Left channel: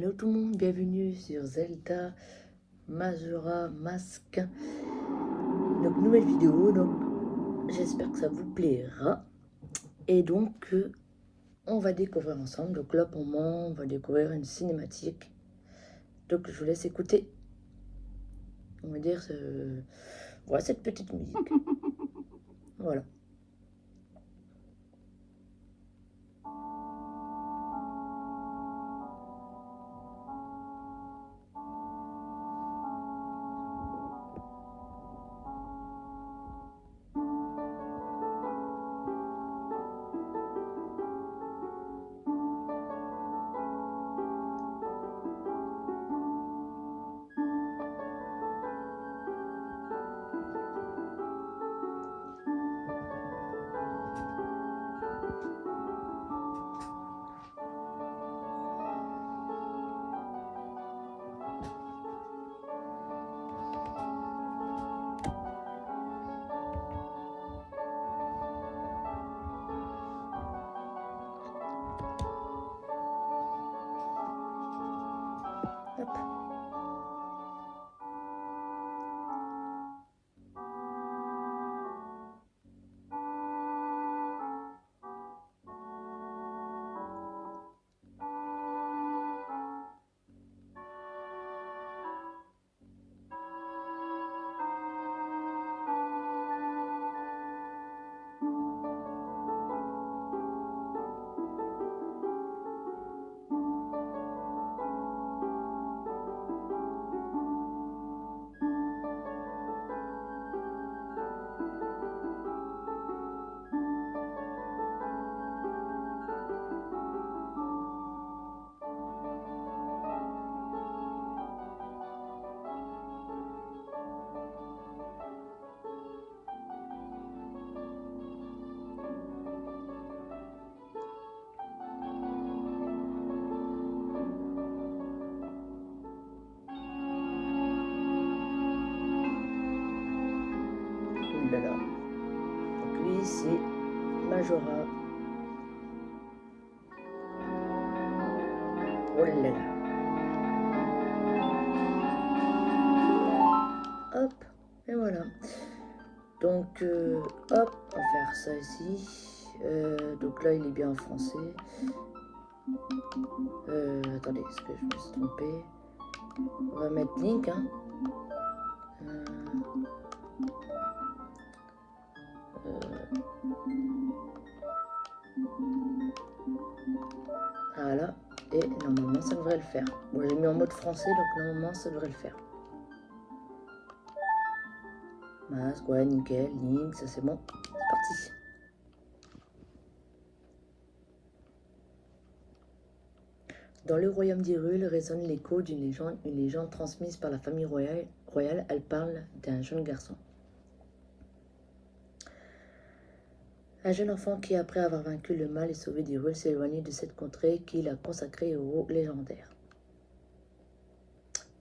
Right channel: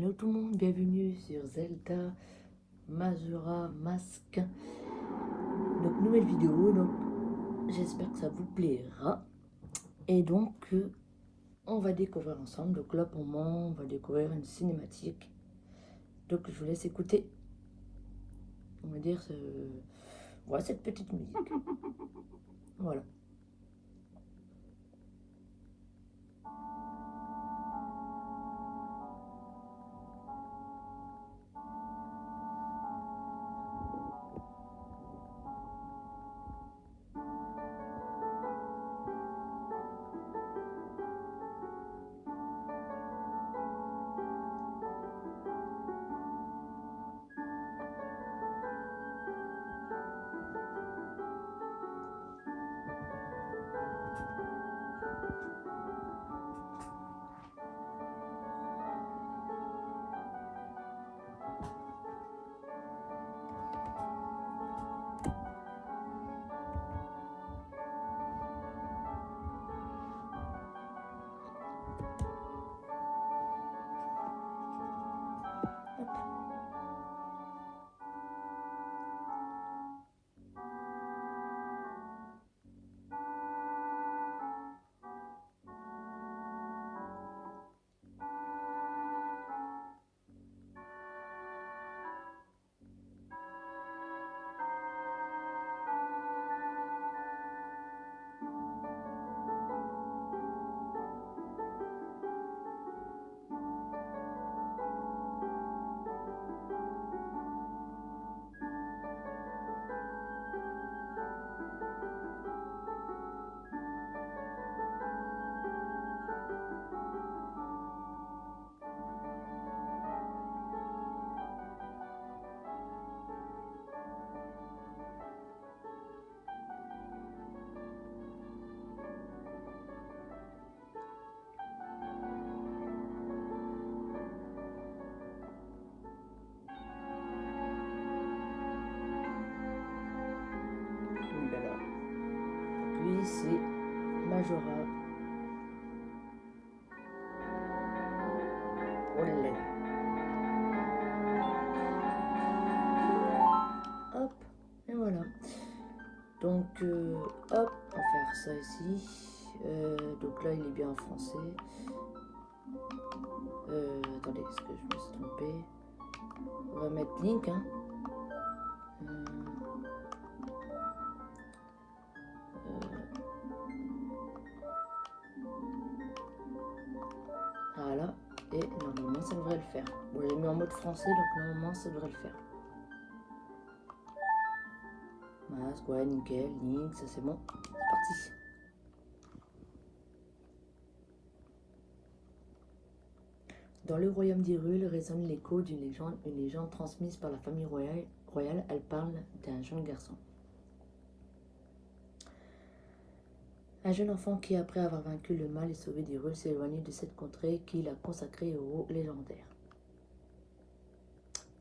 Hello tout le monde, bienvenue sur Zelda Majora Mask. Donc nouvelle vidéo, donc j'espère que ça vous plaira. Et donc on va découvrir ensemble. Donc là pour moi on va découvrir une cinématique. Donc je vous laisse écouter. On va dire voilà, cette petite musique. Voilà. Oulala. Donc lui c'est Majora. Oh là là. Hop, et voilà. Donc, hop, on va faire ça ici. Donc là, il est bien en français. Attendez, est-ce que je me suis trompé? On va mettre Link. Hein. Voilà. Et normalement, ça devrait le faire. Bon, j'ai mis en mode français, donc normalement, ça devrait le faire. Masque, ouais, nickel, Link, ça c'est bon. C'est parti. Dans le royaume d'Hyrule résonne l'écho d'une légende transmise par la famille royale. Elle parle d'un jeune garçon. Un jeune enfant qui, après avoir vaincu le mal et sauvé d'Hyrule, s'est éloigné de cette contrée qu'il a consacrée au héros légendaire.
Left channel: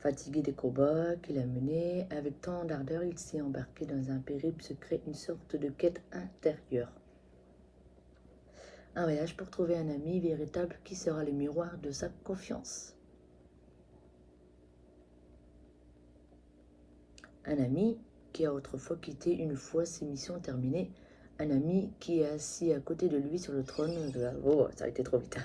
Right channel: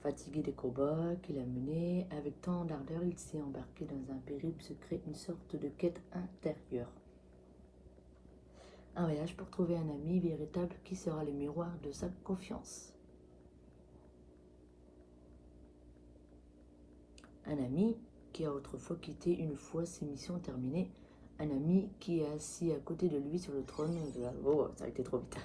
Fatigué des combats qu'il a menés, avec tant d'ardeur, il s'est embarqué dans un périple secret, une sorte de quête intérieure. Un voyage pour trouver un ami véritable qui sera le miroir de sa confiance. Un ami qui a autrefois quitté une fois ses missions terminées. Un ami qui est assis à côté de lui sur le trône de la... Oh, ça a été trop vite.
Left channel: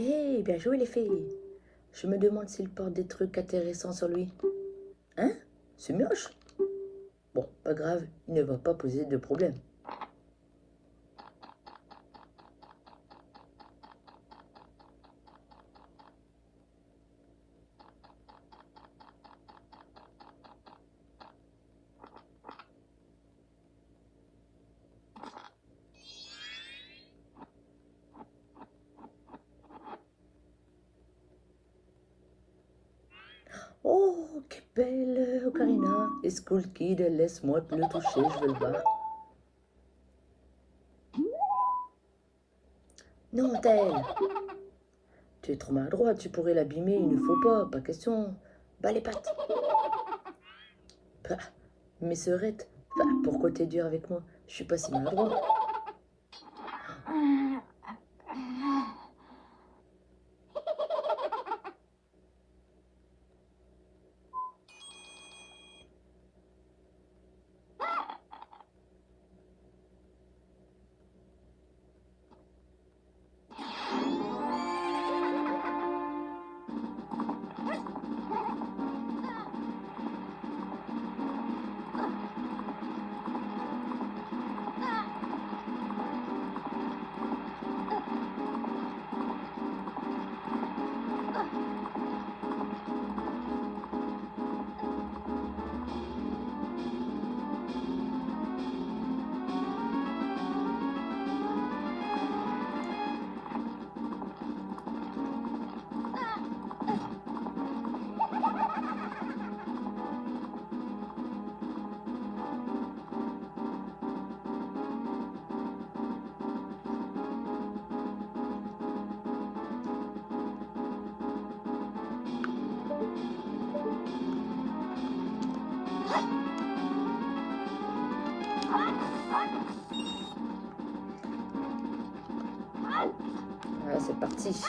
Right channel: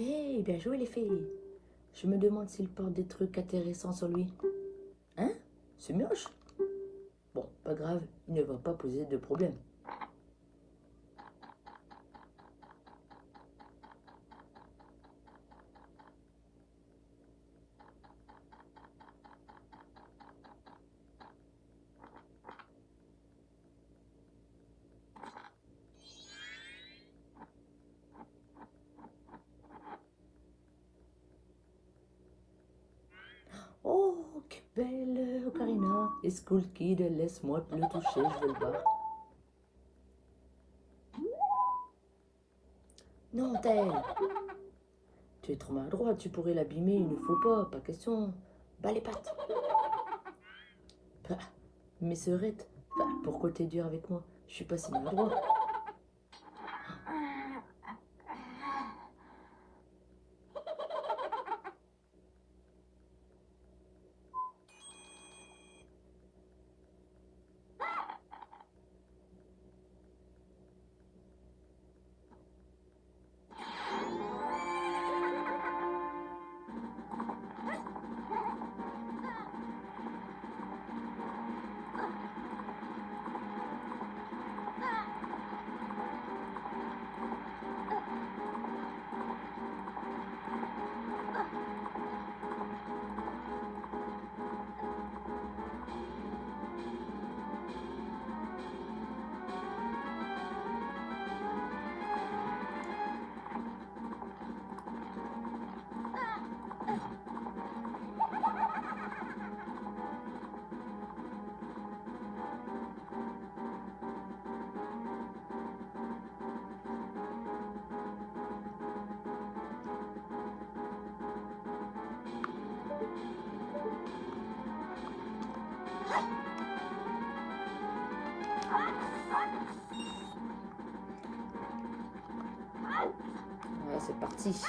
Hé, bien joué les filles. Je me demande s'il porte des trucs intéressants sur lui. Hein? C'est moche. Bon, pas grave, il ne va pas poser de problème. Oh, quelle belle Ocarina. School Kid, laisse-moi le toucher, je veux le voir. Non, Tel. Tu es trop maladroit, tu pourrais l'abîmer, il ne faut pas question. Bas les pattes. Bah, mais Serette, pourquoi t'es dur avec moi? Je suis pas si maladroit. Voilà, c'est parti.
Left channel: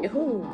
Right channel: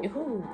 Youhou!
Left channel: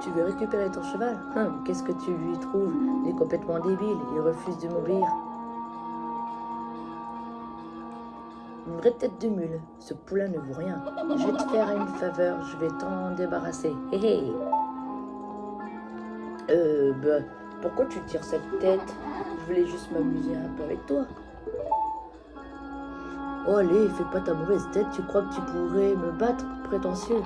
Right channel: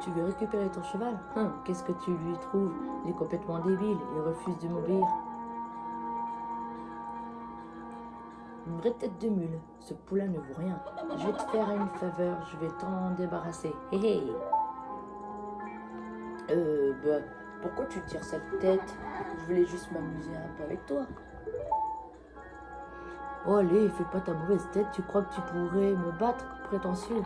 Tu veux récupérer ton cheval? Qu'est-ce que tu lui trouves? Il est complètement débile, il refuse de m'obéir. Une vraie tête de mule, ce poulain ne vaut rien. Je vais te faire une faveur, je vais t'en débarrasser. Hé hé! Bah, pourquoi tu tires cette tête? Je voulais juste m'amuser un peu avec toi. Oh allez, fais pas ta mauvaise tête, tu crois que tu pourrais me battre, prétentieux?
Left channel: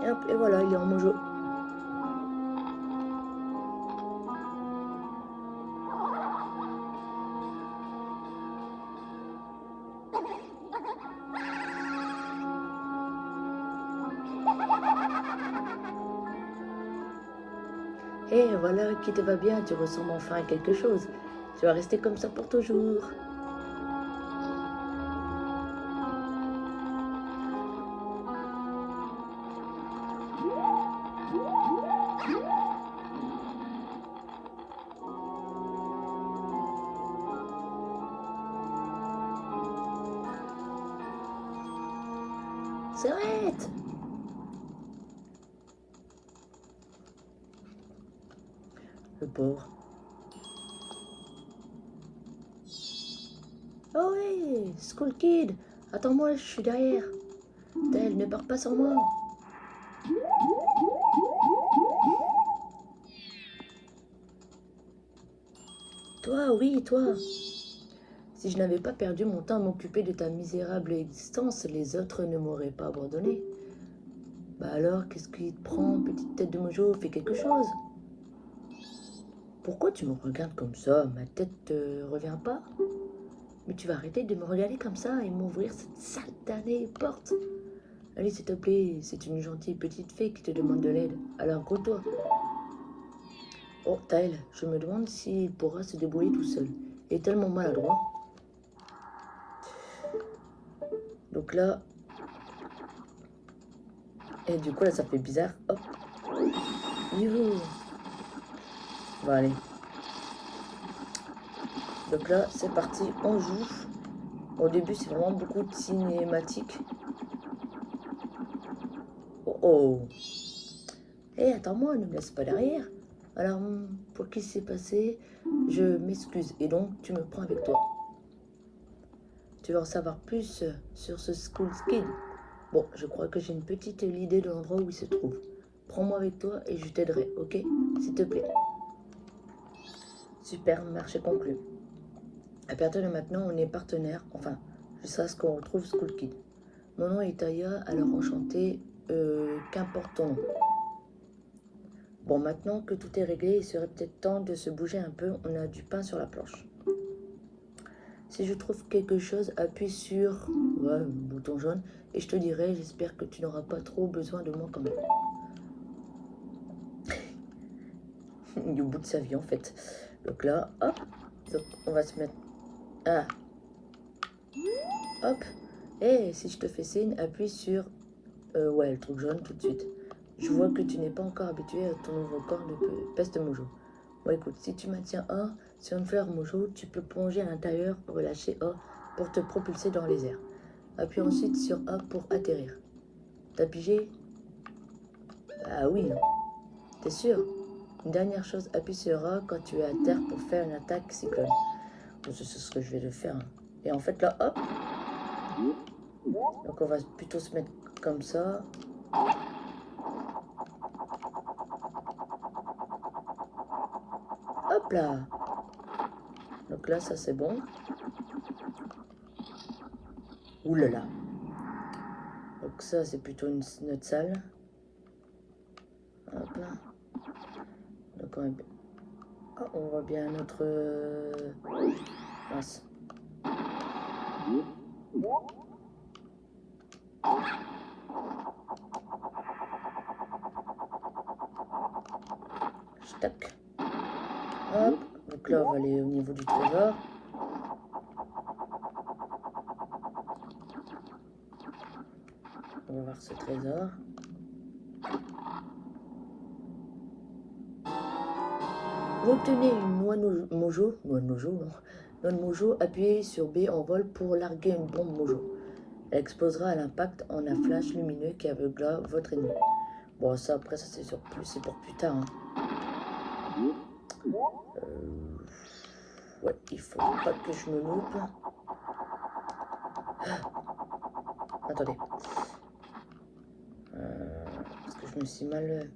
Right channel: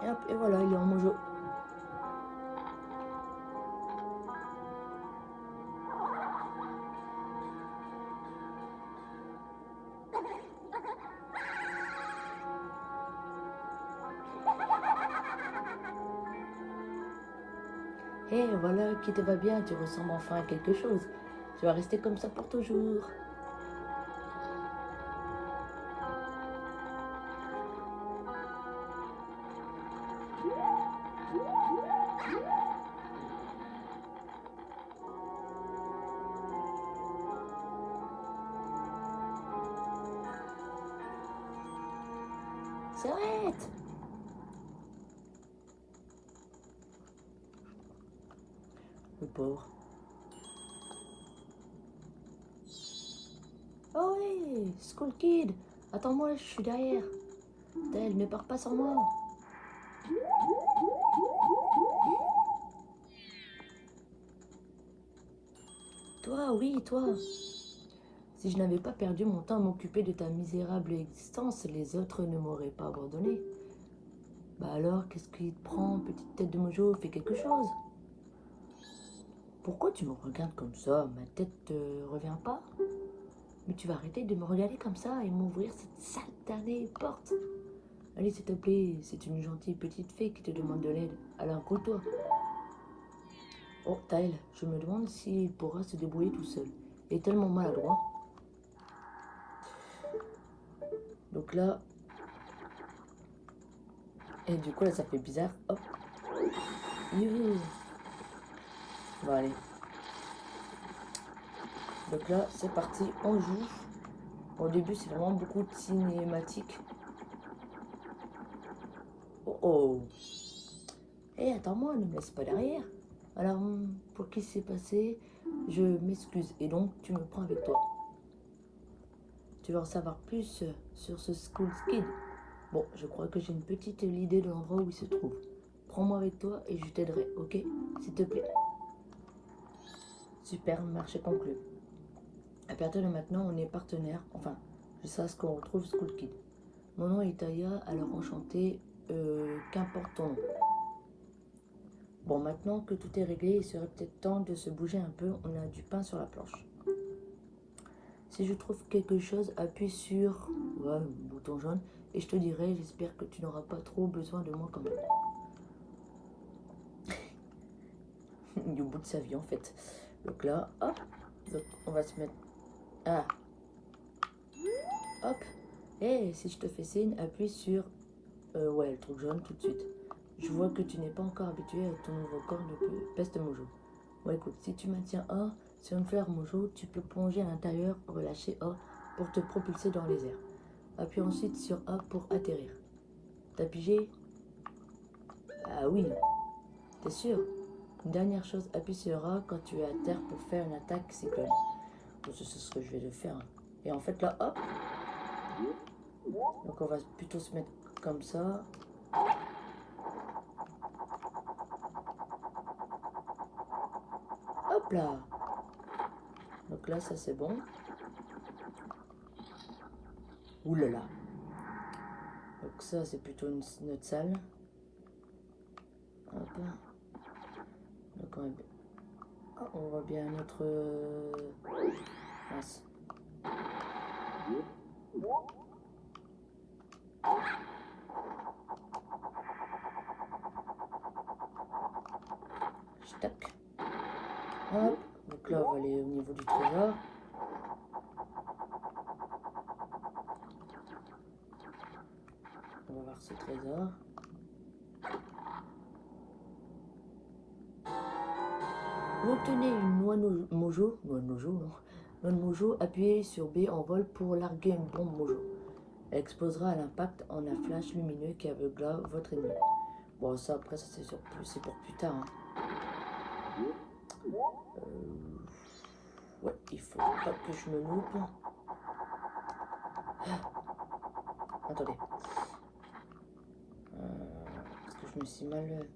Et hop, et voilà, il est en mojo. Et voilà qui te va bien, tu ressembles enfin à quelque chose. Tu vas rester comme ça pour toujours. S'arrête! Le pauvre. Oh oui, School Kid, attends-moi, je suis derrière. Tel, ne pars pas sans moi. Toi, oui, toi. Si je n'avais pas perdu mon temps à m'occuper de ta misérable existence, les autres ne m'auraient pas abandonné. Bah alors, qu'est-ce qui te prend, petite tête de mojo? Fais quelque chose. Pourquoi tu me regardes comme ça? Ma tête te revient pas? Mais tu vas arrêter de me regarder comme ça et m'ouvrir cette satanée porte. Allez, s'il te plaît, c'est une gentille petite fée qui te demande de l'aide. Alors, gros-toi. Oh, Tyle, je me demande s'il pourra se débrouiller tout seul. Il est tellement maladroit. Donc là... Et du coup, là, ça fait bizarre. Hop. Youhou. Bon, allez. Donc là, c'est parti, on joue. Au début, c'est vraiment beaucoup de cinématiques. Oh oh. Hé, attends-moi, ne me laisse pas derrière. Alors, pour qui s'est passé, je m'excuse. Et donc, tu me prends avec toi. Tu veux en savoir plus sur ce School Kid? Bon, je crois que j'ai une petite idée de l'endroit où il se trouve. Prends-moi avec toi et je t'aiderai, ok? S'il te plaît. Super, marché conclu. À partir de maintenant, on est partenaires. Enfin, jusqu'à ce qu'on retrouve School Kid. Mon nom est Taya, alors enchanté. Qu'importe ton nom. Bon, maintenant que tout est réglé, il serait peut-être temps de se bouger un peu. On a du pain sur la planche. Si je trouve quelque chose, appuie sur le bouton jaune et je te dirai. J'espère que tu n'auras pas trop besoin de moi quand même. Il est au bout de sa vie en fait. Donc là, hop, donc on va se mettre... Ah, hop. Et si je te fais signe, appuie sur... ouais, le truc jaune tout de suite. Je vois que tu n'es pas encore habitué à ton nouveau corps de peste mojo. Bon écoute, si tu maintiens A sur une fleur mojo, tu peux plonger à l'intérieur, relâcher A pour te propulser dans les airs. Appuie ensuite sur A pour atterrir. T'as pigé? Ah oui, t'es sûr? Une dernière chose, appuie sur A quand tu es à terre pour faire une attaque cyclone. Bon, c'est ce que je vais le faire. Et en fait là, hop. Donc on va plutôt se mettre comme ça. Hop là. Donc là, ça c'est bon. Ouh là là. Donc ça c'est plutôt notre salle. Hop là. Donc on voit bien notre... mince. Tac. Hop. Donc là on va aller au niveau du trésor. On va voir ce trésor. Vous obtenez une noix de mojo. Noix de mojo, non. Noix de mojo, appuyez sur B en vol pour larguer une bombe mojo. Elle explosera à l'impact en un flash lumineux qui aveuglera votre ennemi. Bon, ça après, ça c'est pour plus tard. Hein. Ouais, il faut pas que je me loupe. Attendez. Parce que je me suis mal...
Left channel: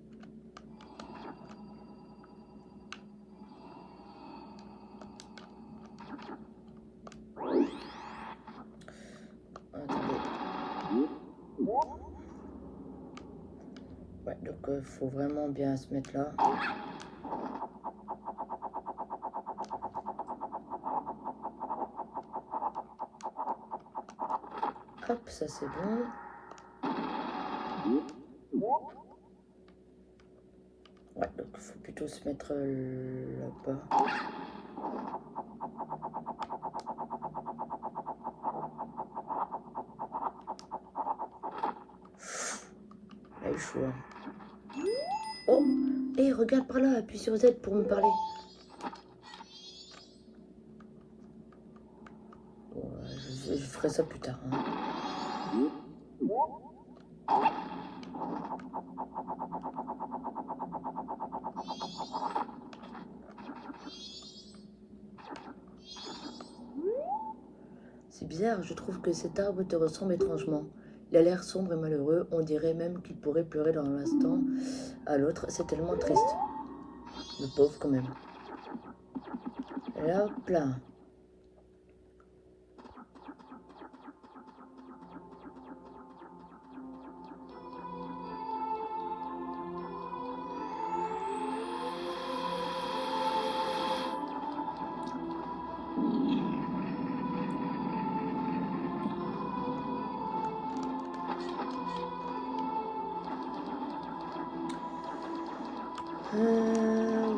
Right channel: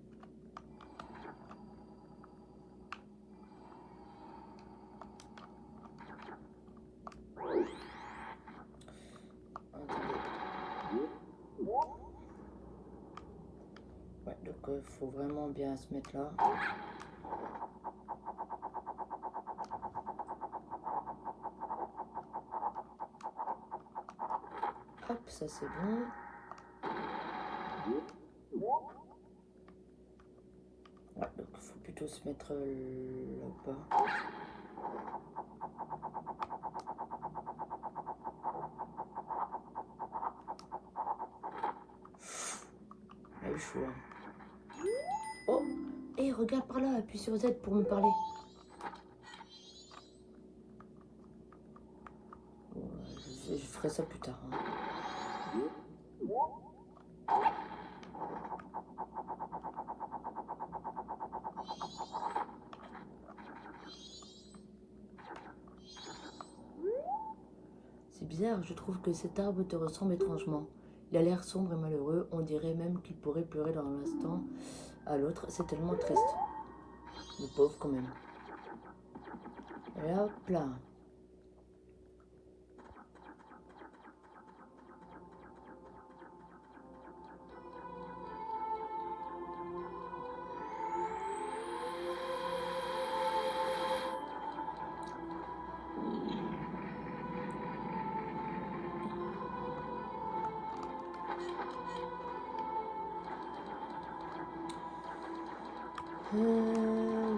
Ouais, donc faut vraiment bien se mettre là. Hop, ça c'est bon. Ouais, donc il faut plutôt plutôt se mettre là-bas. Là, il faut. Oh! Et regarde par là, appuie sur Z pour me parler. Bon, je ferai ça plus tard. Hein. C'est bizarre, je trouve que cet arbre te ressemble étrangement. Il a l'air sombre et malheureux, on dirait même qu'il pourrait pleurer dans l'instant à l'autre, c'est tellement triste. Le pauvre quand même. Et là, hop là.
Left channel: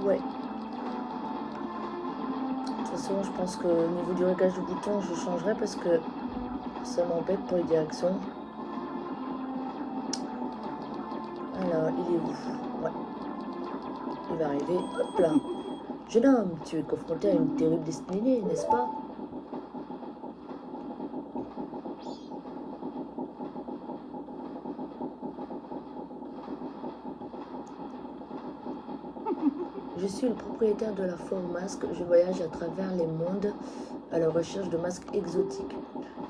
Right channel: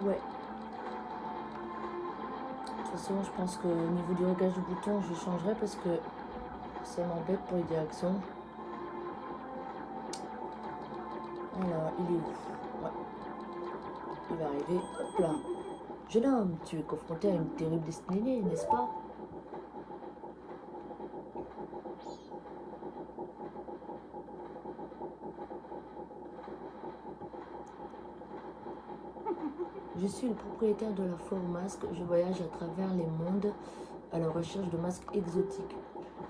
Ouais. De toute façon, je pense qu'au niveau du réglage du bouton, je changerai parce que ça m'embête pour les directions. Alors, il est où? Ouais. Il va arriver. Hop là. Jeune homme, tu es confronté à une terrible destinée, n'est-ce pas? Je suis le propriétaire de la foire aux masques. Je voyage à travers les mondes à la recherche de masques exotiques.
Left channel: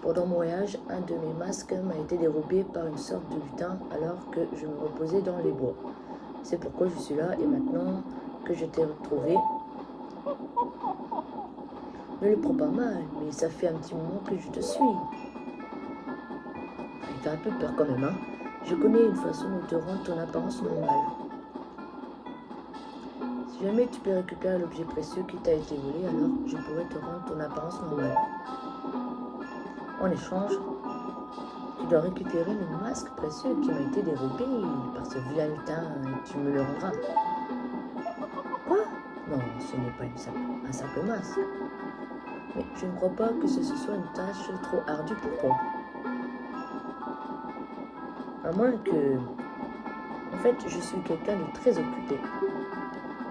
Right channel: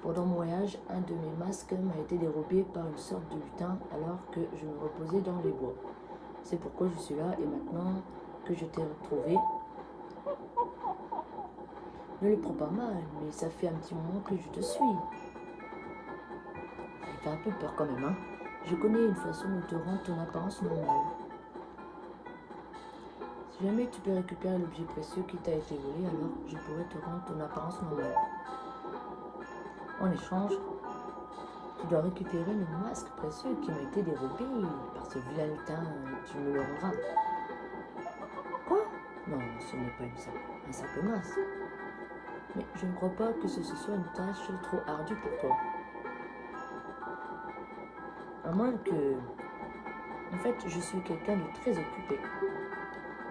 Pendant mon voyage, un de mes masques m'a été dérobé par une sorte de lutin alors que je me reposais dans les bois. C'est pourquoi je suis là et maintenant que je t'ai retrouvé, ne le prends pas mal, mais ça fait un petit moment que je te suis. Il fait un peu peur quand même, hein. Je connais une façon de te rendre ton apparence normale. Si jamais tu peux récupérer l'objet précieux qui t'a été volé, alors je pourrais te rendre ton apparence normale. En échange, tu dois récupérer le masque précieux qui m'a été dérobé par ce vilain lutin et tu me le rendras. Quoi? Non, ce n'est pas un simple masque. Mais je ne crois pas que ce soit une tâche trop ardue pour toi. À moins que... En fait, je suis quelqu'un de très occupé.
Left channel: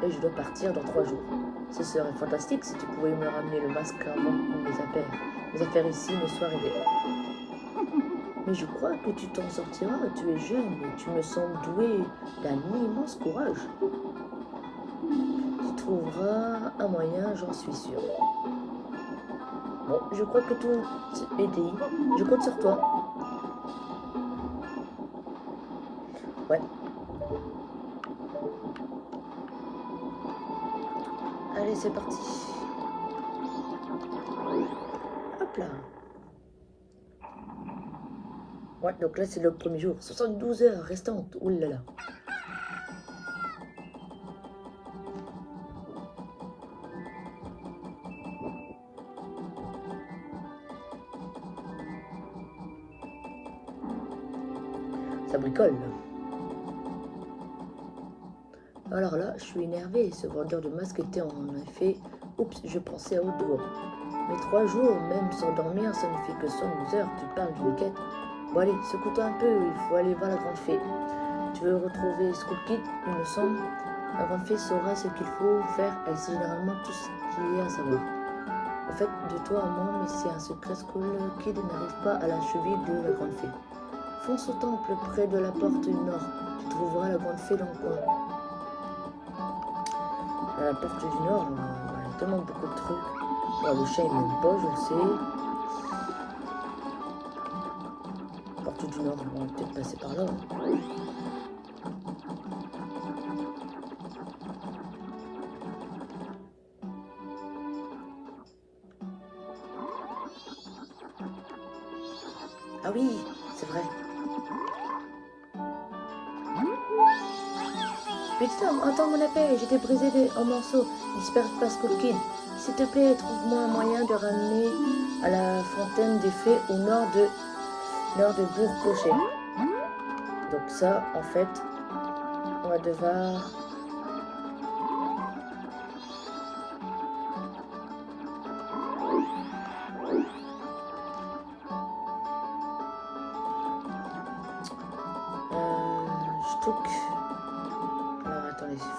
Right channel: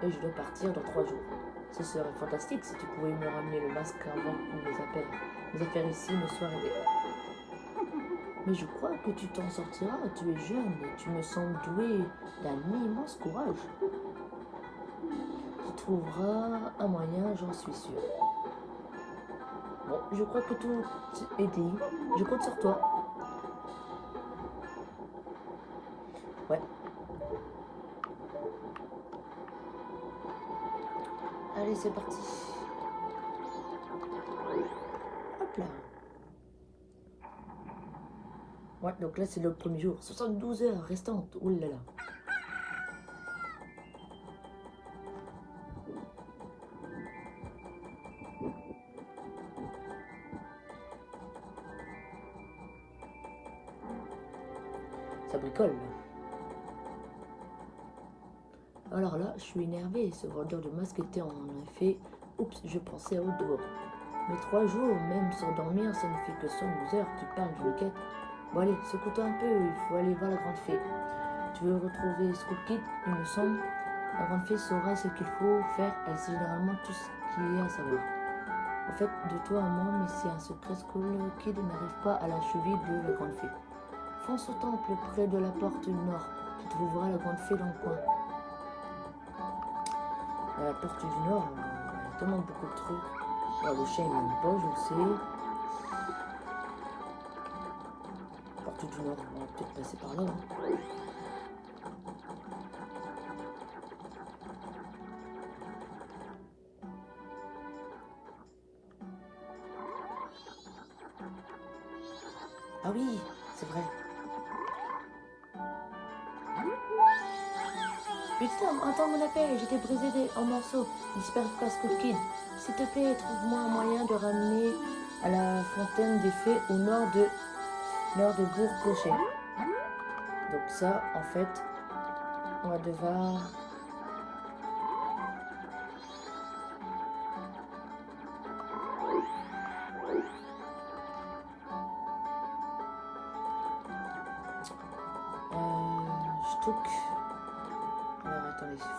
Et je dois partir dans 3 jours. Ce serait fantastique si tu pouvais me ramener le masque avant mes affaires ici ne soient réglées. Mais je crois que tu t'en sortiras. Tu es jeune et tu me sembles doué d'un immense courage. Tu trouveras un moyen, j'en suis sûr. Bon, je crois que tout est dit. Je compte sur toi. Ouais. Allez, c'est parti. Hop là. Ouais, donc là, c'est le premier jour. 72 heures restantes. Ouh là là. Ça bricole. Alors là, je suis énervée. Ce vendeur de masques était en effet... Oups, je pensais à haute voix. Mais 3 jours, même sans dormir, ça ne fait que 72 heures. Tu parles d'une quête. Bon allez, secoue-toi un peu, il faut aller voir la grande fée. Tu veux retrouver Skull Kid, il me semble. La grande fée saura ce qu'il faut faire. Elle sait généralement tout ce qu'il y a à savoir. En fait, de toi à moi, mais c'est un secret. Skull Kid n'arrive pas à la cheville de la grande fée. Fonce au temple près de la porte du nord. Tu trouveras la grande fée dans le coin. À la porte du nord, il y a tellement beaucoup de trucs. Alors, le chien il m'aime pas, je le sais. Porte du nord, on va peut-être passer par là. Ah oui, c'est vrai. Putain, entends mon appel, j'étais brisé en morceaux. J'espère pas Skull Kid. S'il te plaît, trouve-moi un moyen de ramener à la fontaine des fées au nord de Bourg-Clocher. Donc ça, en fait, on va devoir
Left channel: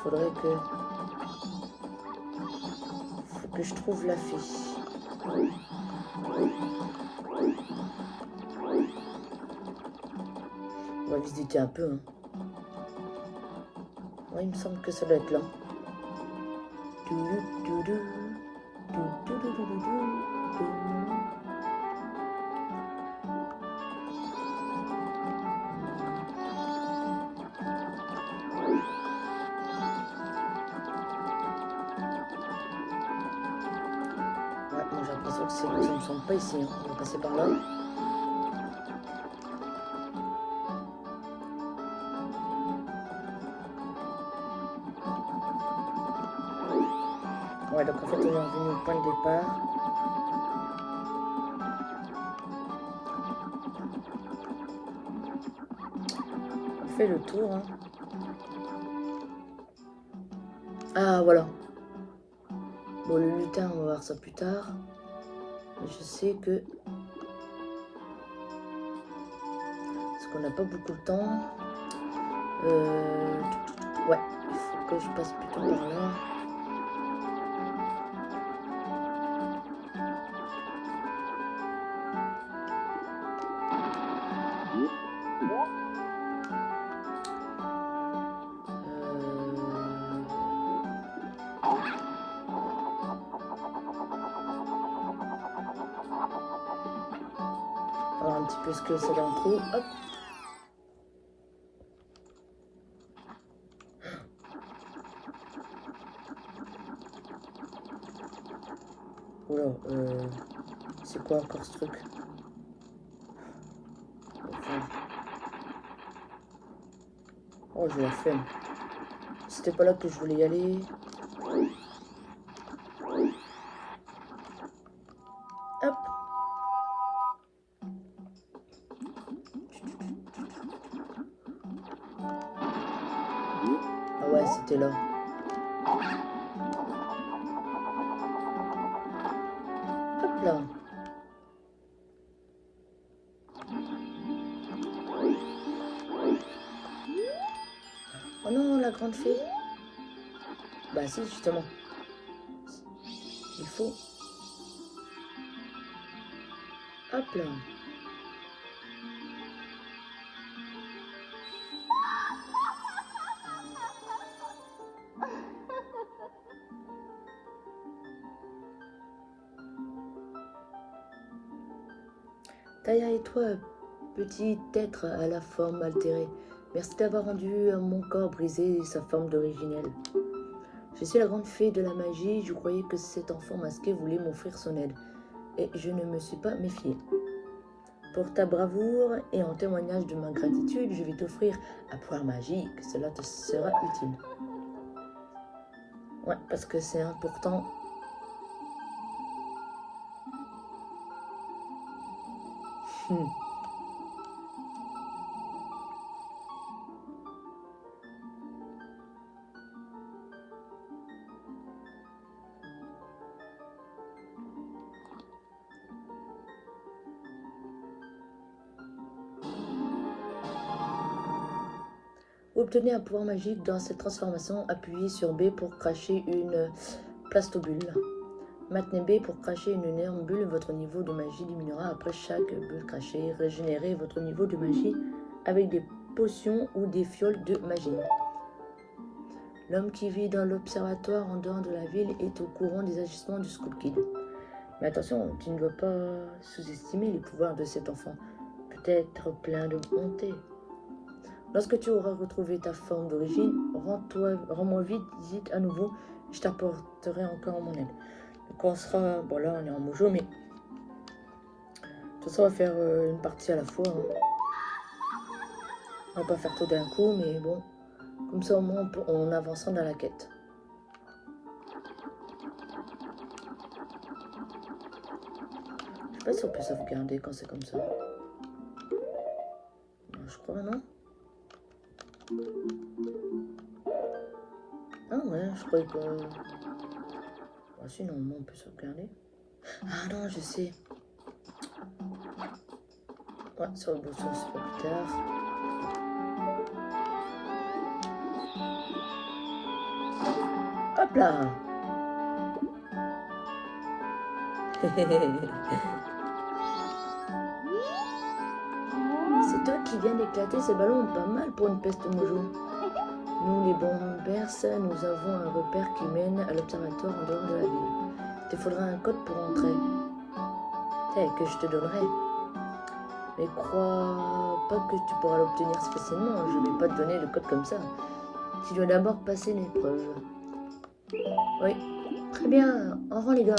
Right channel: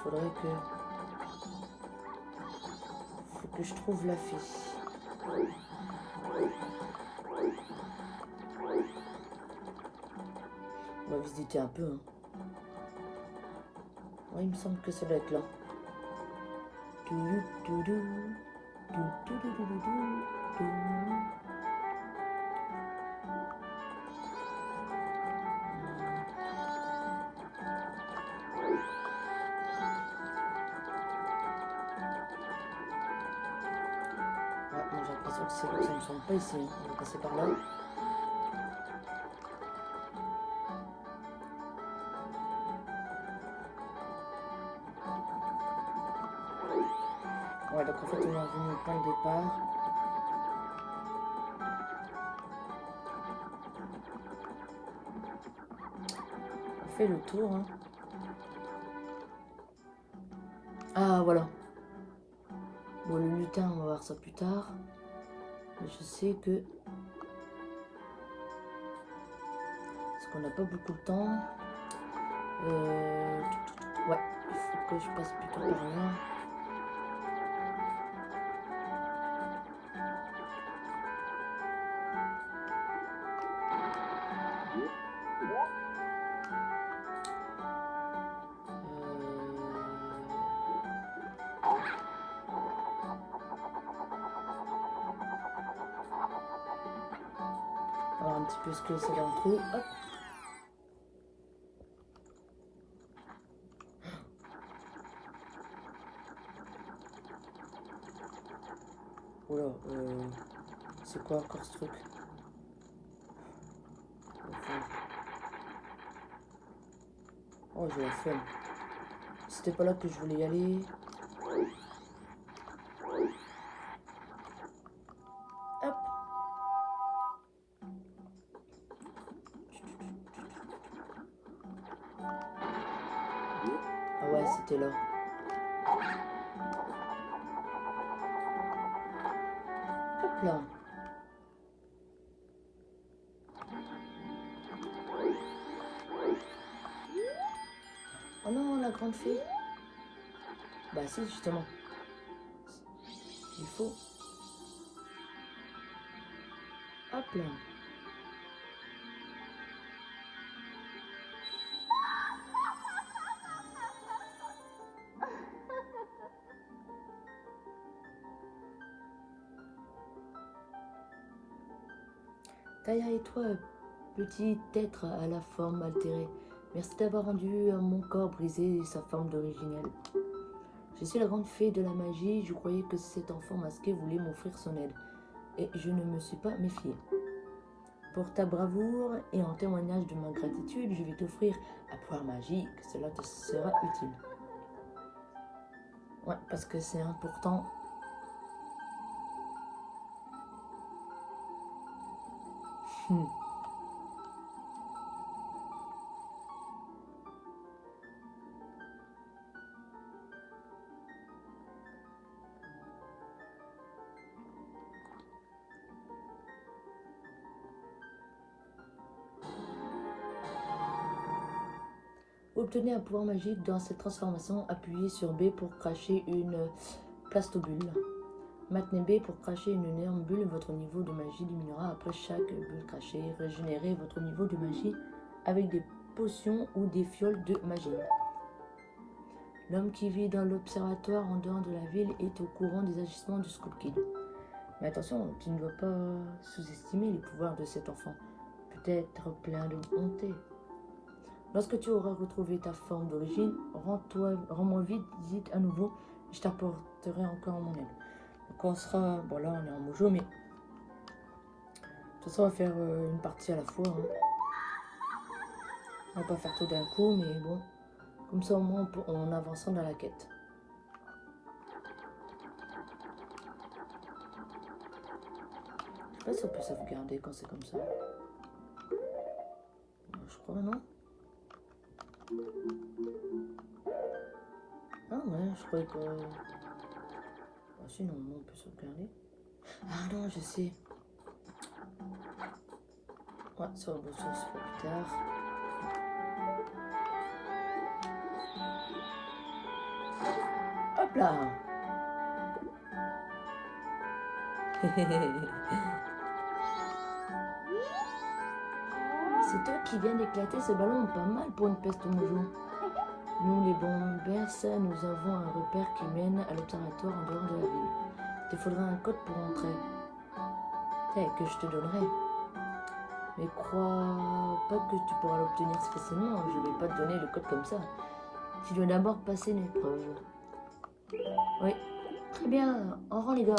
faudrait que je trouve la fiche. On va visiter un peu. Hein. Ouais, il me semble que ça doit être là. J'ai l'impression que ça ne me semble pas ici. Hein. On va passer par là. Ouais, donc en fait, on est revenu au point de départ. On fait le tour. Hein. Ah, voilà. Bon, le lutin, on va voir ça plus tard. Mais je sais que... Parce qu'on n'a pas beaucoup de temps. Ouais, il faut que je passe plutôt par là. Alors un petit peu ce que c'est l'intro. Hop. Oula, c'est quoi encore ce truc? Oh, j'ai la flemme. C'était pas là que je voulais y aller. Hop. Ah ouais, c'était là. Hop là. Oh non, la grande fée. Bah si, justement. Il faut... Hop là. Taya et toi, petit être à la forme altérée, merci d'avoir rendu mon corps brisé sa forme d'originelle. Je suis la grande fée de la magie, je croyais que cet enfant masqué voulait m'offrir son aide, et je ne me suis pas méfiée. Pour ta bravoure et en témoignage de ma gratitude, je vais t'offrir un pouvoir magique, cela te sera utile. Ouais, parce que c'est important. Obtenez un pouvoir magique dans cette transformation, appuyez sur B pour cracher une plastobule. Maintenez B pour cracher une énorme bulle, votre niveau de magie diminuera après chaque bulle crachée. Régénérez votre niveau de magie avec des potions ou des fioles de magie. L'homme qui vit dans l'observatoire en dehors de la ville est au courant des agissements du Scout Kid. Mais attention, tu ne dois pas sous-estimer les pouvoirs de cet enfant, peut-être plein de bonté. Lorsque tu auras retrouvé ta forme d'origine, rends-moi visite à nouveau, je t'apporterai encore mon aide. Donc on sera, bon là on est en mojo, mais de toute façon on va faire une partie à la fois. Hein. On va pas faire tout d'un coup, mais bon, comme ça au moins on avancera dans la quête. Je sais pas si on peut sauvegarder quand c'est comme ça. Je crois non. Ah ouais, je croyais que... Ah si, normalement on peut sauvegarder. Ah non, je sais. Ouais, sur le bouton, c'est pas plus tard. Hop là. C'est toi qui viens d'éclater ce ballon, pas mal pour une peste moujon. Nous, les bombers, nous avons un repère qui mène à l'observatoire en dehors de la ville. Il te faudra un code pour entrer. Que je te donnerai. Mais crois pas que tu pourras l'obtenir facilement. Je ne vais pas te donner le code comme ça. Tu dois d'abord passer une épreuve. Oui. Très bien. Au revoir les gars.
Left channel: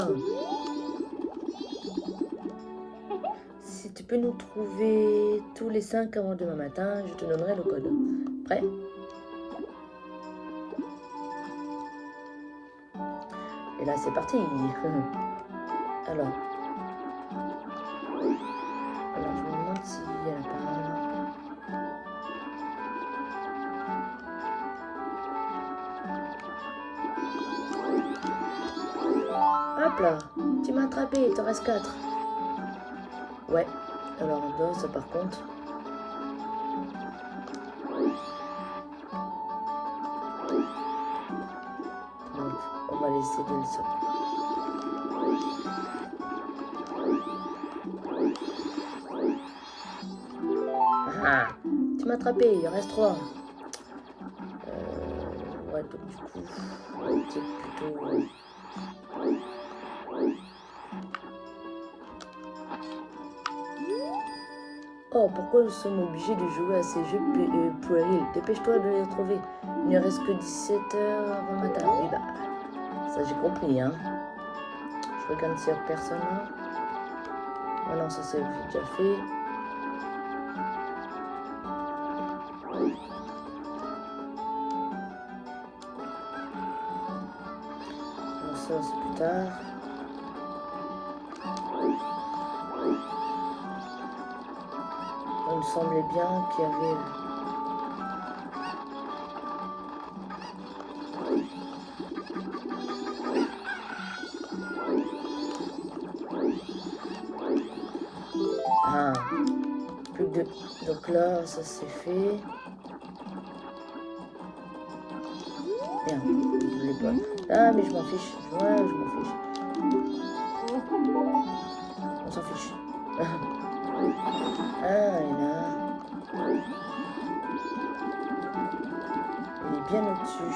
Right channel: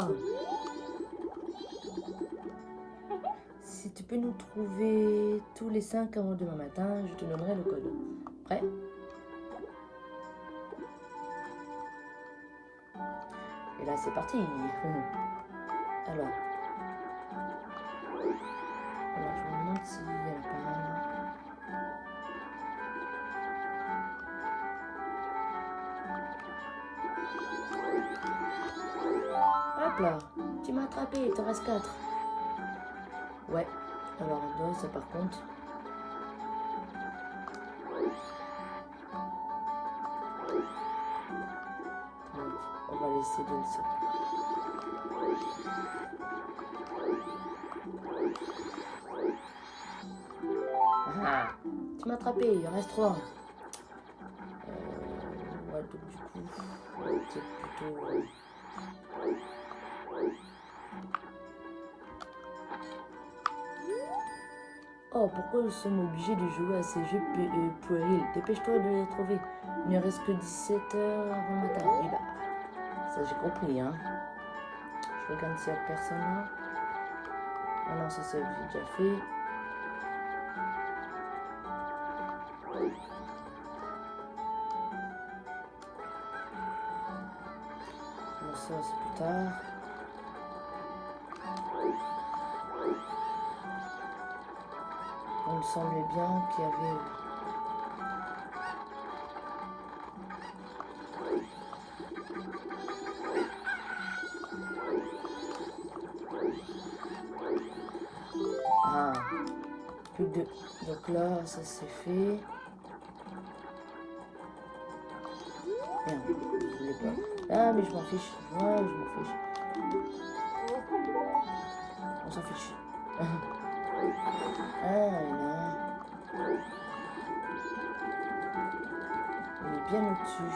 Si tu peux nous trouver tous les 5 avant demain matin, je te donnerai le code. Prêt? Et là, c'est parti. Alors, je me demande s'il y a pas... Hop là, tu m'as attrapé, il te reste 4. Ouais, alors ça par contre. On va laisser de le sortir. Ah, tu m'as attrapé, il en reste 3. Ouais, donc du coup, c'est plutôt... Oh, pourquoi nous sommes obligés de jouer à ces jeux puérils? Dépêche-toi de les trouver. Il ne reste que 17 heures avant le matin. Oui, bah, ça j'ai compris, hein. Je regarde s'il n'y a personne là. Ah non, ça c'est déjà fait. Bon, ça c'est plus tard. Il me semblait bien qu'il y avait... Ah, plus que 2. Donc là, ça c'est fait. Merde, je voulais pas. Ah, mais je m'en fiche. Ouais, je m'en fiche. On s'en fiche. Ah, et là... Il est bien au-dessus.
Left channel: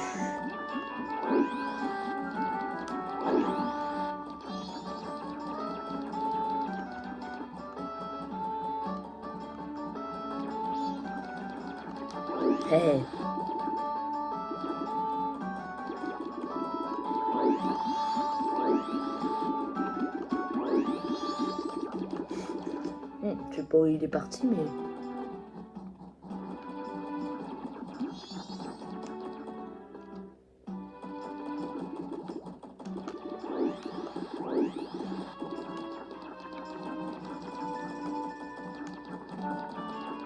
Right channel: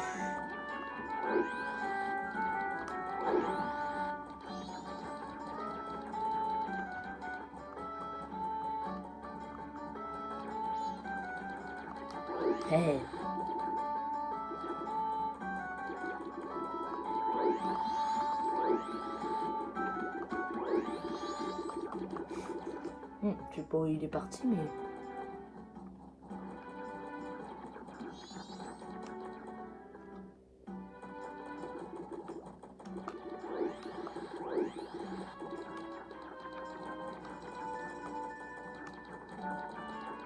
Hey. Je sais pas où il est parti, mais...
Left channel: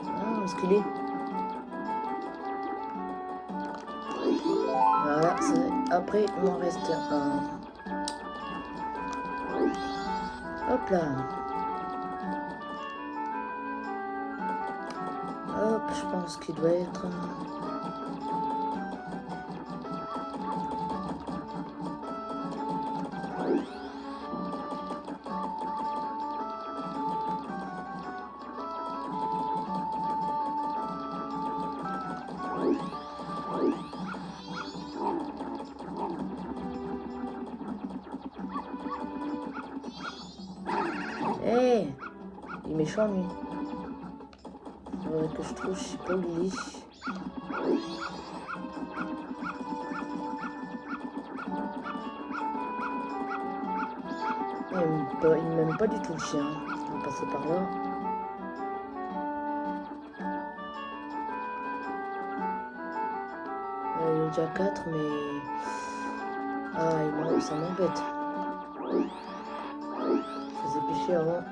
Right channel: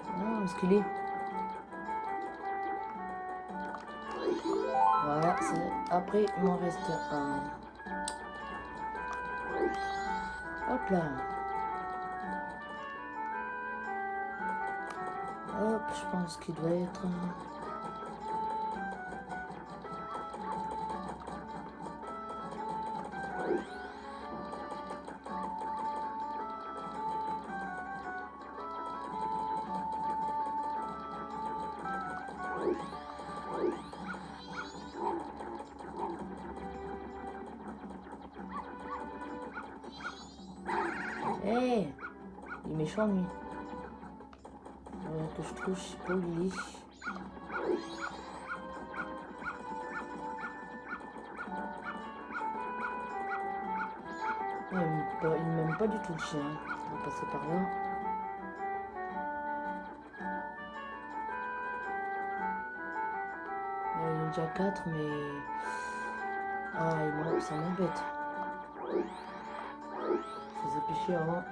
Ah, où est-ce qu'il est? Voilà, après, il m'en reste un. Hop là. Hop, je pense qu'il doit être... Hey, il est méchant lui. Que je trouve, je sais pas où il est. Il m'aime pas du tout le chien. On va passer par là. Il y en a déjà 4, mais... Ah, ça m'embête. Je faisais pêcher avant.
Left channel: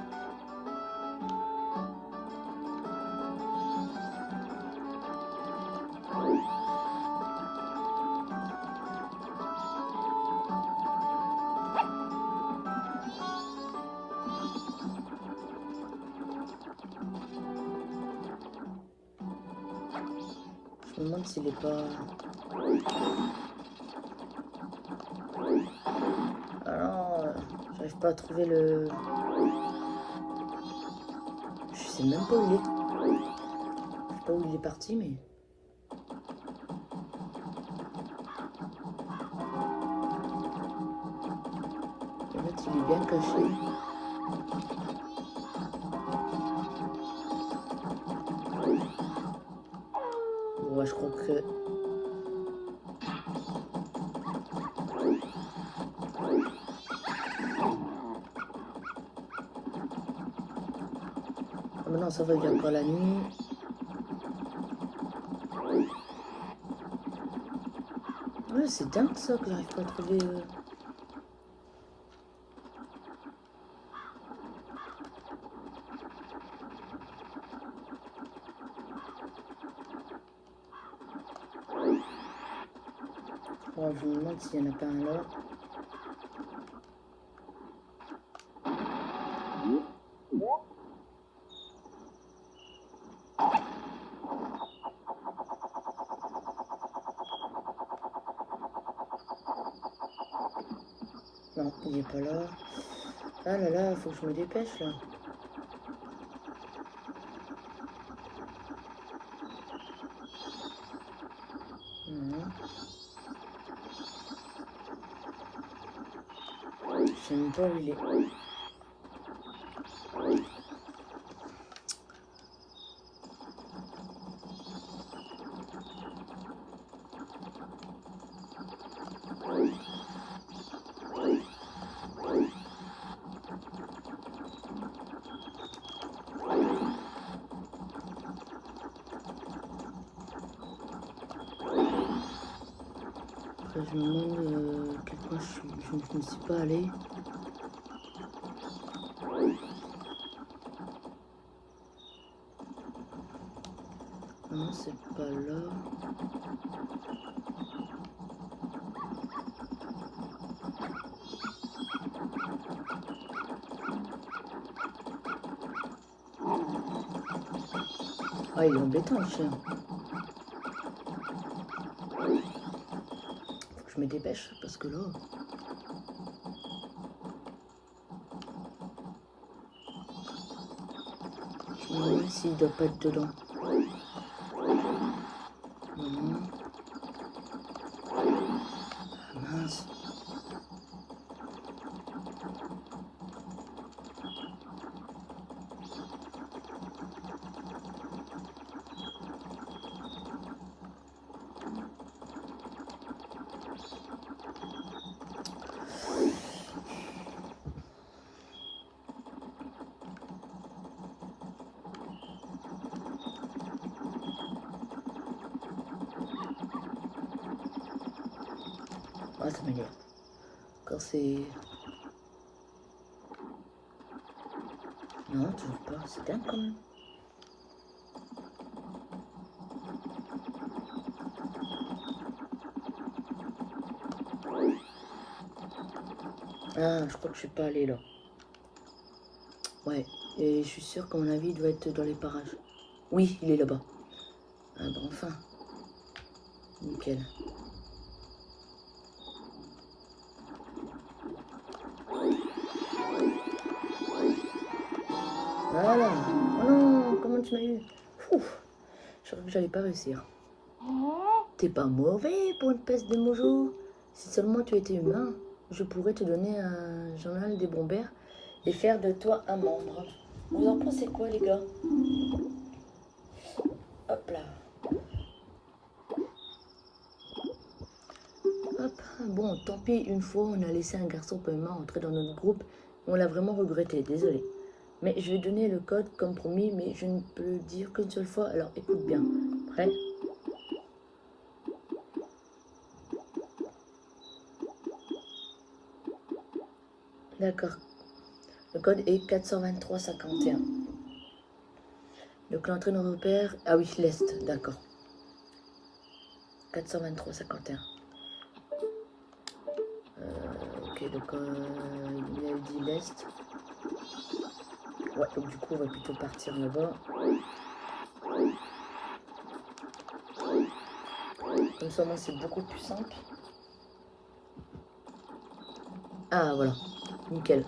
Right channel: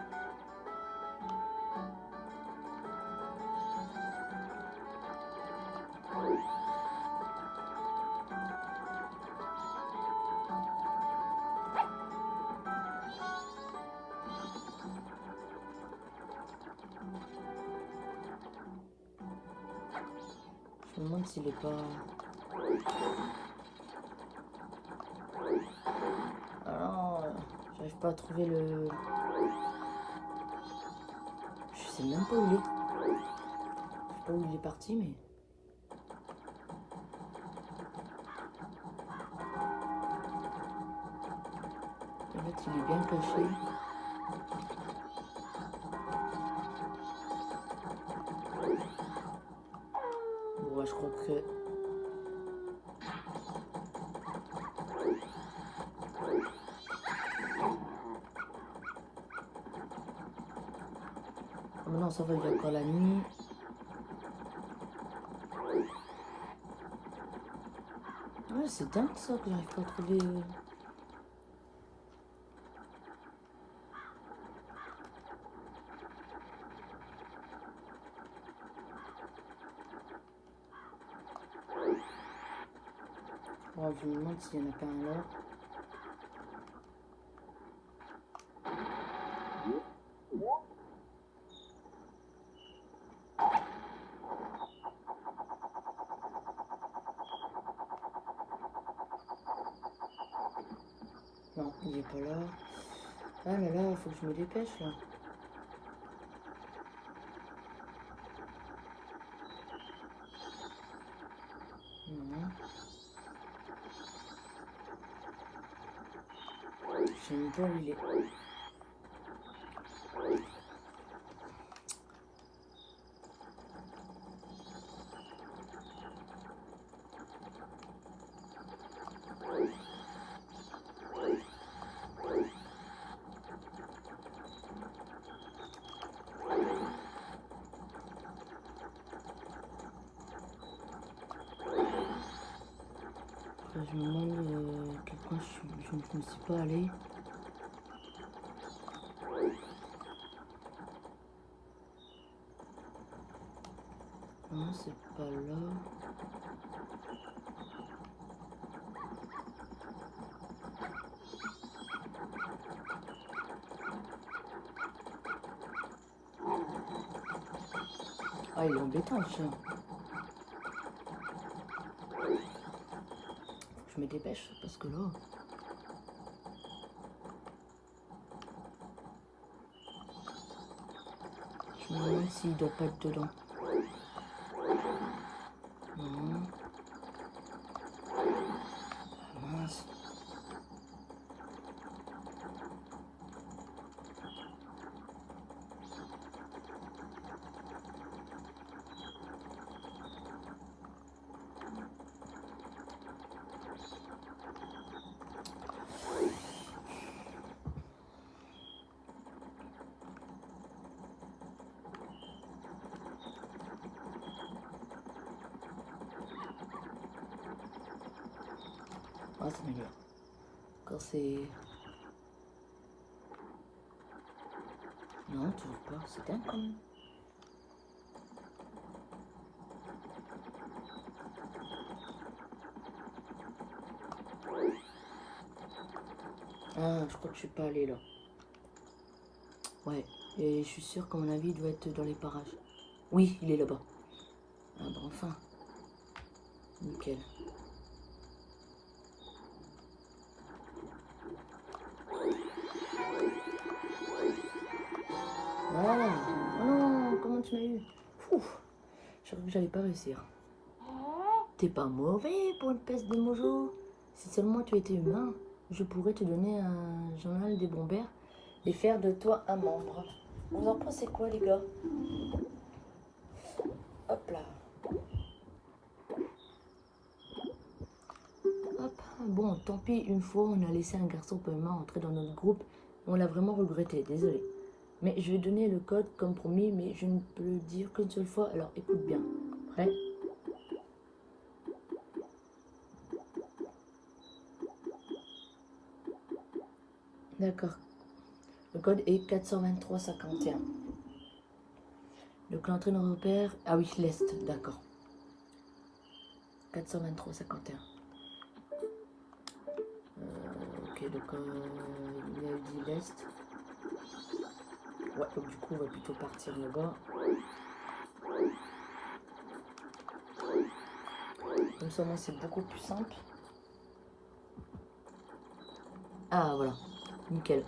Je me demande s'il est pas... J'arrive pas à trouver le... Je sais même pas où il est. Je sais pas où il est parti, mais... En fait, il est bien caché. Bon, ouais, je crois que... Ah, maintenant, ça va, il y a encore la nuit. Ouais, c'est dingue ça que j'arrive pas à trouver... Bon, je me demande s'il y en a pas un là. Non, il est pas là. Ah là là, faut que je me dépêche là. Non. Je sais même pas où il est. Après, je me demande quel coin je ne suis pas allé. Non, c'est pas là. Ah, il est embêtant le chien. Faut que je me dépêche parce que là... Je me demande s'il doit pas être dedans. Non. Ah, mince. Ah, ça m'énerve. Quand c'est... Non, toujours pas. C'est dingue quand même. Ah, je crois que je suis pas allée là. Ouais, et je suis sûre qu'à mon avis, il doit être dans les parages. Oui, il est là-bas. Ah bon, enfin. Nickel. Voilà. Oh non, comment tu m'as eu? Ouf, je crois que j'allais pas réussir. T'es pas mauvais pour une peste de mojo. Si seulement tu étais humain, je pourrais te donner un journal des bombers et faire de toi un membre. Vous en pensez quoi, les gars? Hop là. Hop. Bon, tant pis, une fois, on a laissé un garçon paiement entrer dans notre groupe. On l'a vraiment regretté, désolé. Mais je vais donner le code comme promis, mais je ne peux le dire qu'une seule fois, alors écoute bien. Prêt? D'accord. Le code est 423-51. Donc l'entrée dans repère... Ah oui, l'Est, d'accord. 423-51. Ok, donc il a dit l'Est. Ouais, donc du coup on va plutôt partir là-bas. Comme ça, moi, c'est beaucoup plus simple. Ah, voilà. Nickel.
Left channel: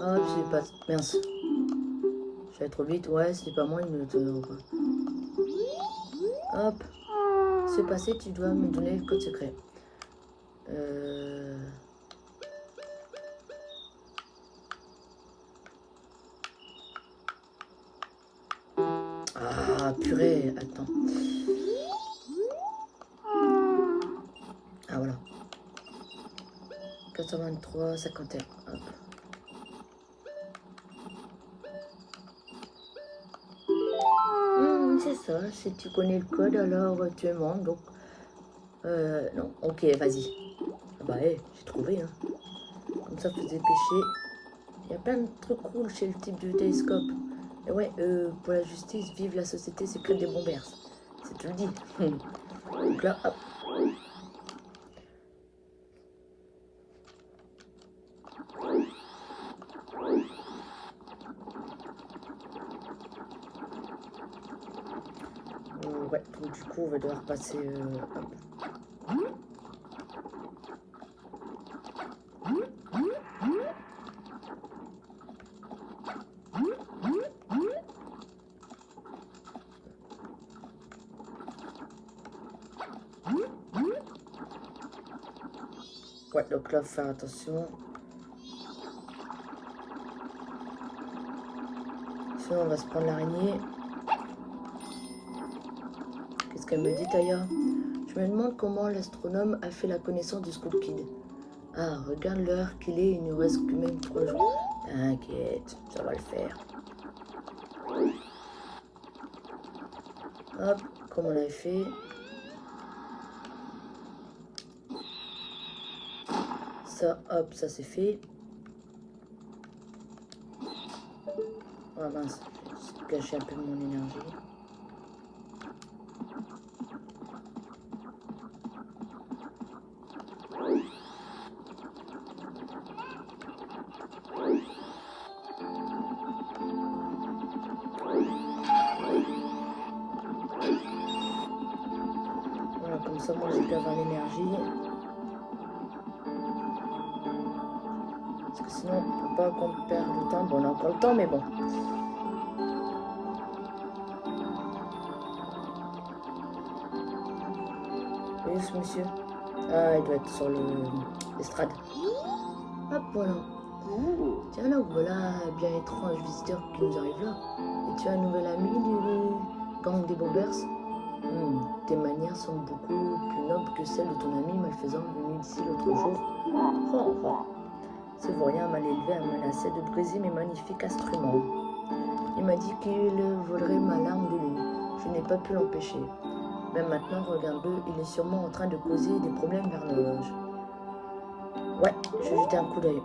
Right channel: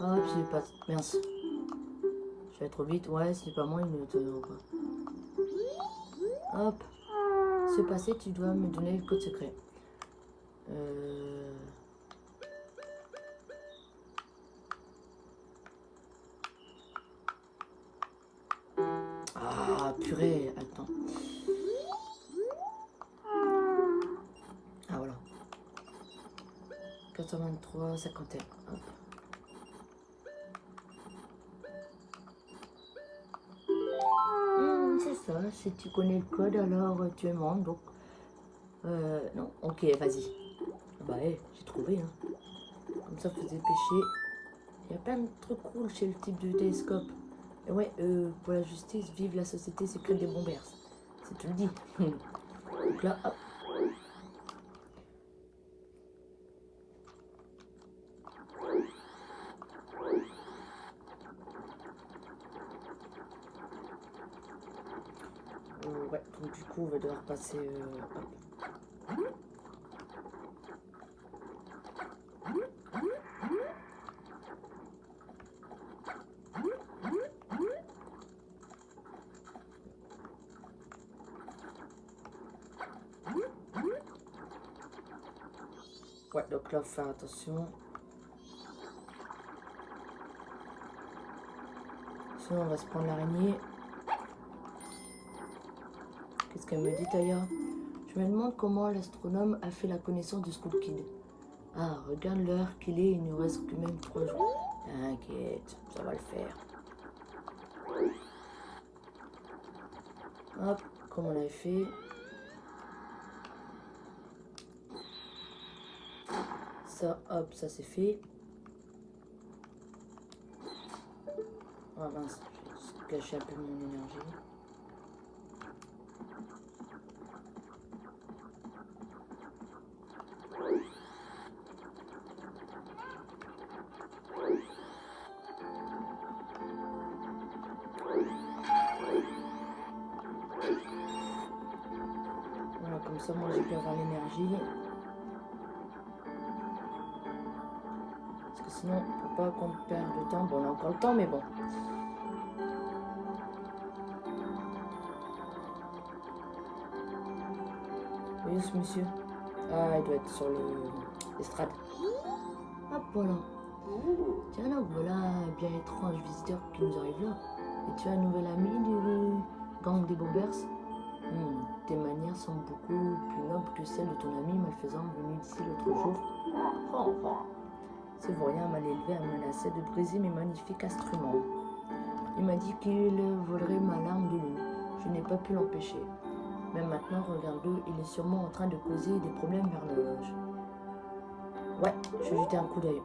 Hop, j'ai pas... Mince. Je vais trop vite. Ouais, c'est pas moi, il me le donnera pas. Hop. C'est passé, tu dois me donner le code secret. Ah, purée, attends. Ah, voilà. 423, 51. Hop. C'est ça, si tu connais le code, alors tu es mort, donc... non, ok, vas-y. Ah bah, hey, j'ai trouvé, hein. Comme ça, faut se dépêcher. Il y a plein de trucs cool chez le type de télescope. Et ouais, pour la justice, vive la société secrète des bombers. C'est tout le dit. Donc là, hop. Ouais, donc du coup, on va devoir passer... Ouais, donc là, faut faire attention. Sinon, on va se prendre l'araignée. Qu'est-ce qu'elle me dit, Taya? Je me demande comment l'astronome a fait la connaissance du Scout Kid. Ah, regarde l'heure qu'il est, il ne reste que même 3 jours. T'inquiète, ça va le faire. Hop, comme on l'avait fait. Ça, hop, ça c'est fait. Ah mince, j'ai gâché un peu mon énergie. Voilà, comme ça moi j'ai pu avoir l'énergie. Parce que sinon, on peut pas qu'on perde le temps. Bon, on a encore le temps, mais bon. Et où ce monsieur? Ah, il doit être sur l'estrade. Hop, voilà. Tiens là, voilà un bien étrange visiteur qui nous arrive là. Et tu as un nouvel ami du gang des bombers? Tes manières sont beaucoup plus nobles que celles de ton ami malfaisant venu ici l'autre jour. Oh, oh. Ce voyant mal élevé a menacé de briser mes magnifiques instruments. Il m'a dit qu'il volerait ma larme de lune. Je n'ai pas pu l'empêcher. Mais maintenant, regarde-le, il est sûrement en train de causer des problèmes vers l'horloge. Ouais, je vais jeter un coup d'œil.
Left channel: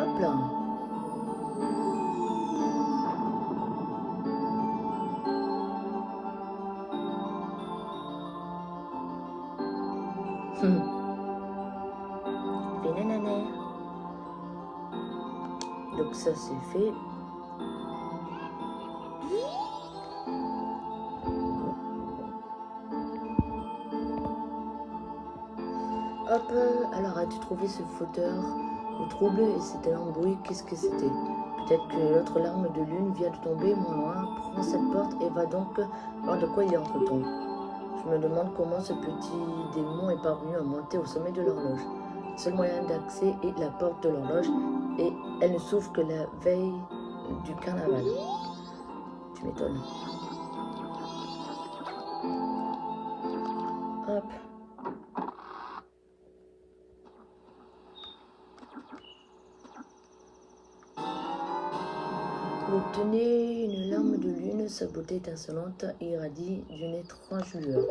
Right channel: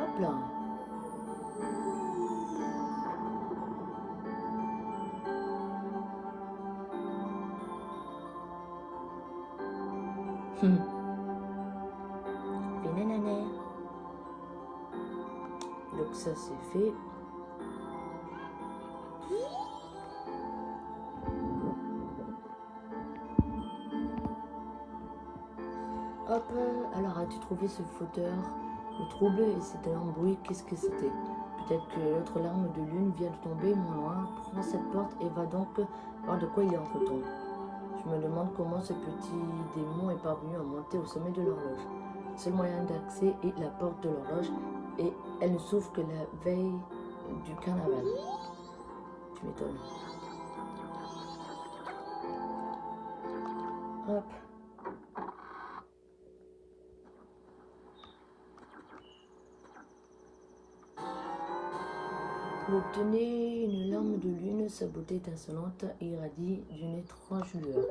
Hop là. Donc ça c'est fait. Hop, alors as-tu trouvé ce fauteur? Le trouble et c'était un bruit, qu'est-ce que c'était? Peut-être que l'autre larme de lune vient de tomber, mon noir. Prends cette porte et va donc voir de quoi il est entre temps. Je me demande comment ce petit démon est parvenu à monter au sommet de l'horloge. Le seul moyen d'accès est la porte de l'horloge et elle ne s'ouvre que la veille du carnaval. Tu m'étonnes. Hop. Vous obtenez une larme de lune, sa beauté étincelante irradie d'une étrange lueur.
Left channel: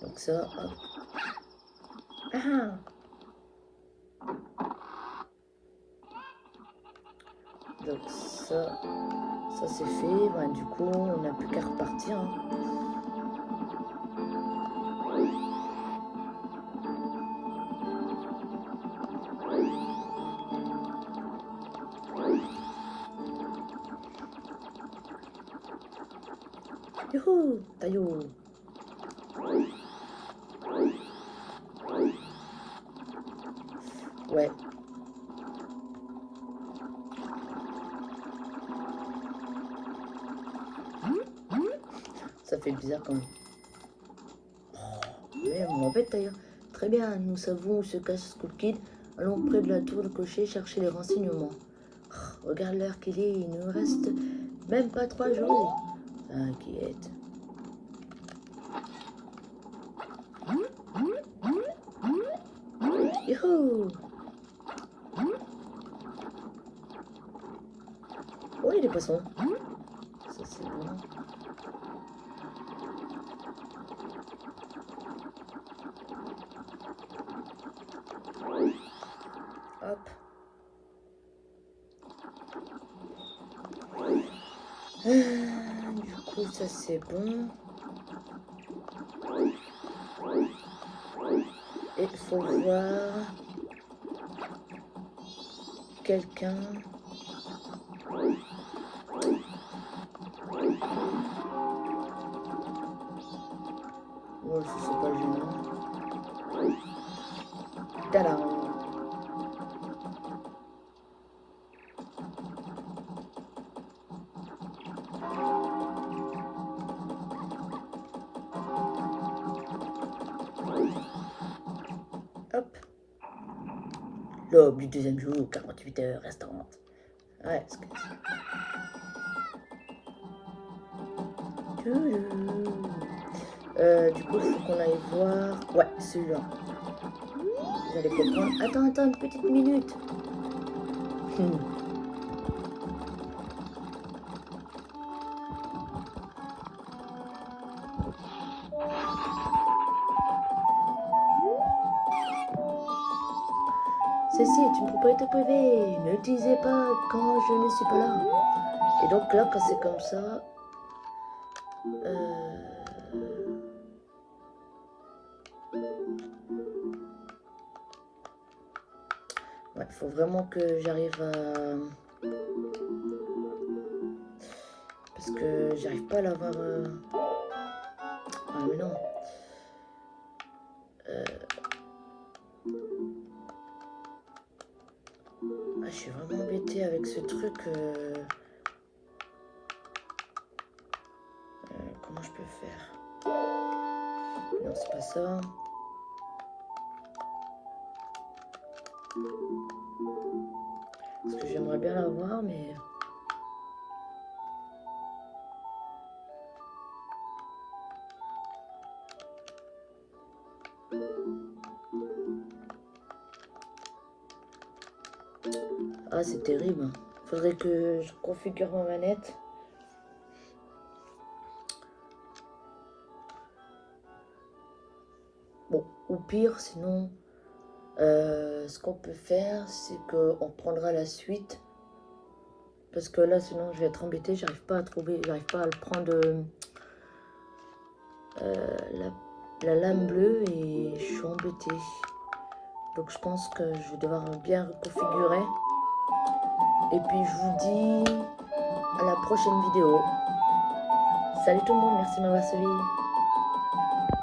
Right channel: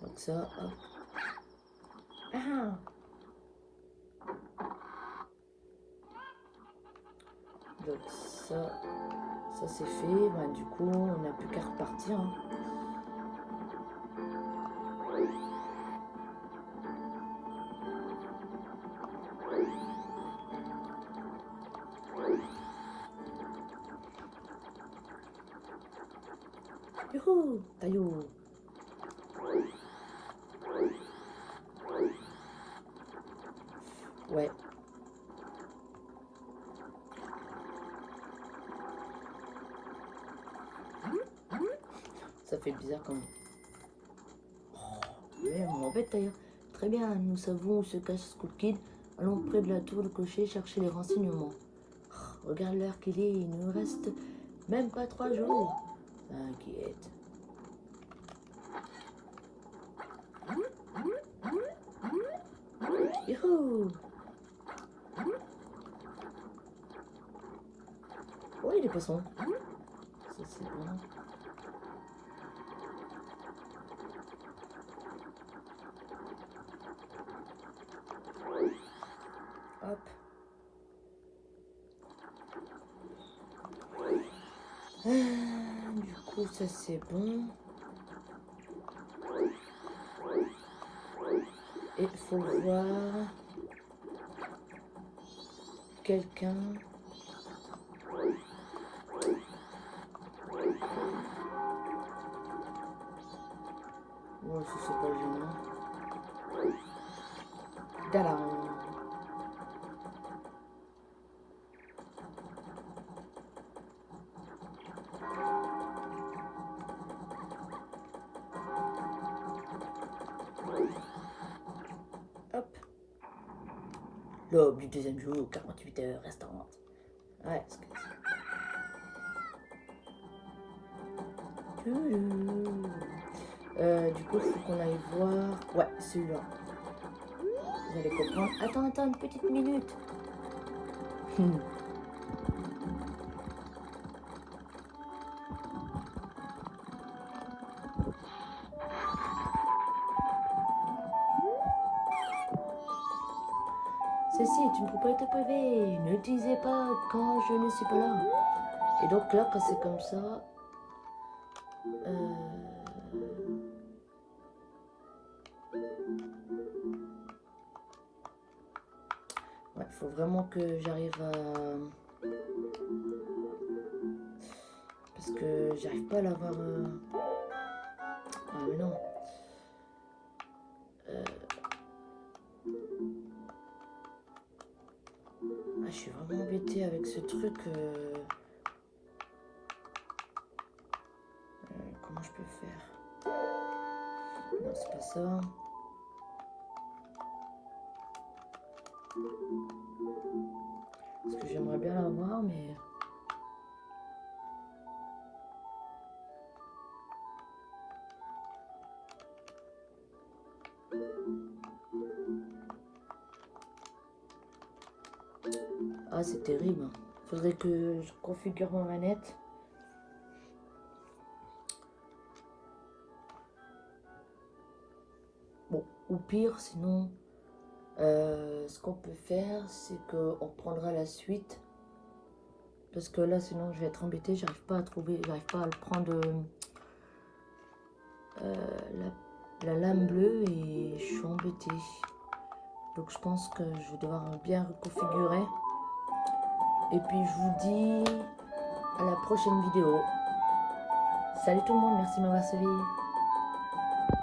Donc ça, hop. Ah! Donc ça c'est fait. Ben, du coup, on n'a plus qu'à repartir. Hein. Youhou, taillot. Ouais. Ça fait bizarre quand même. Mais on m'embête d'ailleurs. Très bien, nous savons où se cache Skull Kid. Allons près de la tour de clocher chercher les renseignements. Regarde l'heure qu'il est, il nous reste même pas 3 jours. T'inquiète. Youhou! Oh, il y a des poissons. Ça, c'est bon. Hop. Du coup, ça, c'est bon. Et il faut voir quelqu'un. Bon, ça, c'est pas gênant. Tadam! Hop. L'aube du deuxième jour, 48 heures restantes. Ouais, c'est comme ça. Du coup, il faut qu'on aille voir. Ouais, celui-là. Vous allez comprendre. Attends, une petite minute. Ceci est une propriété privée. Ne l'utilisez pas quand je ne suis pas là. Et donc là, quand c'est comme ça... Ouais, il faut vraiment que j'arrive à... Parce que j'arrive pas à l'avoir... Ah mais non. Ah, je suis vraiment embêtée avec ce truc. Comment je peux faire? Non, c'est pas ça. Parce que j'aimerais bien l'avoir, mais... Ah, c'est terrible. Faudrait que je configure ma manette. Bon, au pire, sinon, ce qu'on peut faire, c'est qu'on prendra la suite. Parce que là, sinon, je vais être embêtée. J'arrive pas à trouver, j'arrive pas à le prendre la lame bleue et je suis embêtée. Donc, je pense que je vais devoir bien reconfigurer. Et puis, je vous dis à la prochaine vidéo. Salut tout le monde, merci de m'avoir suivi.